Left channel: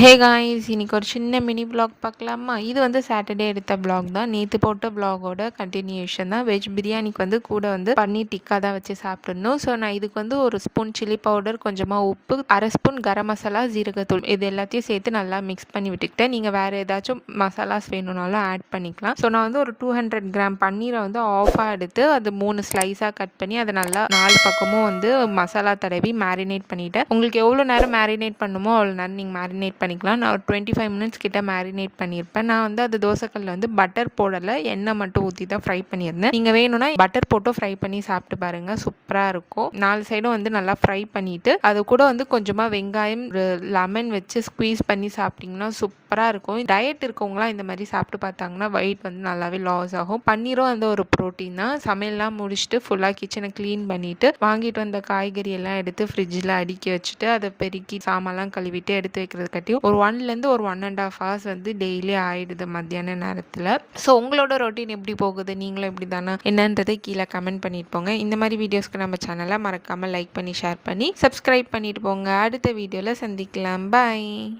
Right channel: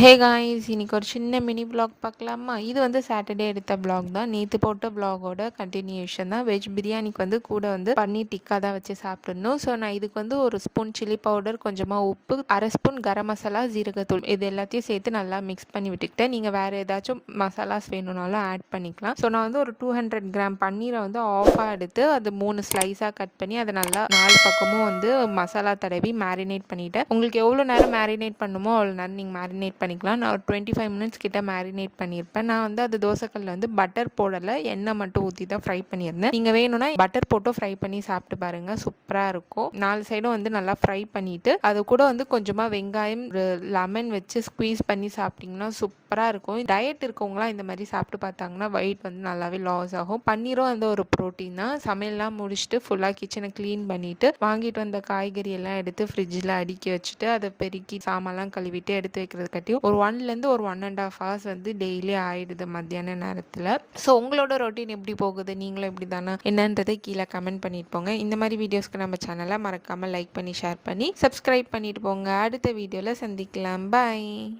Hey guys, இன்னைக்கு ஒரு சின்ன மினி vlog பார்க்கலாமா? இது வந்து சாட்டர்டே எடுத்த vlog தான். நேற்று போட்ட vlogோட கண்டினியூஷன் தான். வெஜ் பிரியாணிக்கு வந்து கூட வந்து பன்னீர் டிக்கா தான் வச்சு சாப்பிட்ருந்தோம். ஸோ நான் இதுக்கு வந்து ஒரு ஸ்பூன் சில்லி பவுடர், கொஞ்சமாக உப்பு, அரை ஸ்பூன் கரம் மசாலா, ஜீரகத்தூள் இது எல்லாத்தையும் சேர்த்து நல்லா மிக்ஸ் பண்ணி விட்டுக்கிட்டேன். நீங்கள் வேறு ஏதாச்சும் மசாலாஸ் வேணும்னாலும் ஆட் பண்ணிக்கலாம். ஸோ நான் வந்து ஒரு 200 கிராம் பன்னீரை வந்து ஆஃபாக எடுத்து அது 3 ஸ்லைஸாக கட் பண்ணி அதை நல்லா 4 பக்கமும் வந்து மசாலா தடவி மேரினேட் பண்ணிவிட்டேன். உங்களுக்கு எவ்வளோ நேரம் மேரினேட் பண்ணுமோ அவ்வளோ நேரம் நீங்கள் மேரினேட் பண்ணிக்கலாம். நான் ஒரு 25 மினிட்ஸ் கிட்ட மேரினேட் பண்ணியிருப்பேன். நான் வந்து அது தோசைக்கல்ல வந்து பட்டர் போடலை, எண்ணெய் மட்டும் ஊற்றி தான் ஃப்ரை பண்ணியிருந்தேன். நீங்கள் வேணும்னா பட்டர் போட்டு ஃப்ரை பண்ணி சாப்பிட்டு பாருங்க, சூப்பராக இருக்கும். 4 சைடும் வந்து நல்லா ஃப்ரை பண்ணிட்டு அது கூட வந்து கொஞ்சமாக வெங்காயம், லெமன் வச்சு ஸ்குவீஸ் பண்ணி சாப்பிட்டிங்கன்னா சூப்பராக இருக்கும். டயட் இருக்கவங்களாம் இந்த மாதிரி சாப்பிட்டு பார்த்தாங்கன்னா வெயிட் வந்து நல்லாவே லாஸ் ஆகும். பன்னீரும் வந்து ஒரு ப்ரோட்டீன் தான். சமையல்லாம் முடிச்சுட்டு ஃபுல்லாக கிச்சனை க்ளீன் பண்ணிட்டு வாங்கிட்டு வந்த காய்கறி எல்லாம் எடுத்து ஃப்ரிட்ஜில் அடுக்கி வச்சுட்டு அதை பெருக்கி சாமான்லாம் கழுவிட்டு எடுத்து வைக்கிறது கட்டியும் ஒரு 1லேருந்து ஒரு 1.5 hours வந்து டெய்லி ஆயிடுது மத்தியான நேரத்தில். ஸோ உங்களோட ரொட்டீன் எப்படி போகுது? நீங்களும் எப்படி தானே என்னன்றதை கீழே கமெண்ட் பண்ணிட்டு போங்க. இந்த மாதிரி வீடியோஸ்க்கு நம்ம சேனலை மறக்காமல் லைக் பண்ணி ஷேர் பண்ணி சப்ஸ்கிரைப் பண்ணிட்டு போங்க. அடுத்த வீடியோவில் சந்திக்கலாம். பாய்.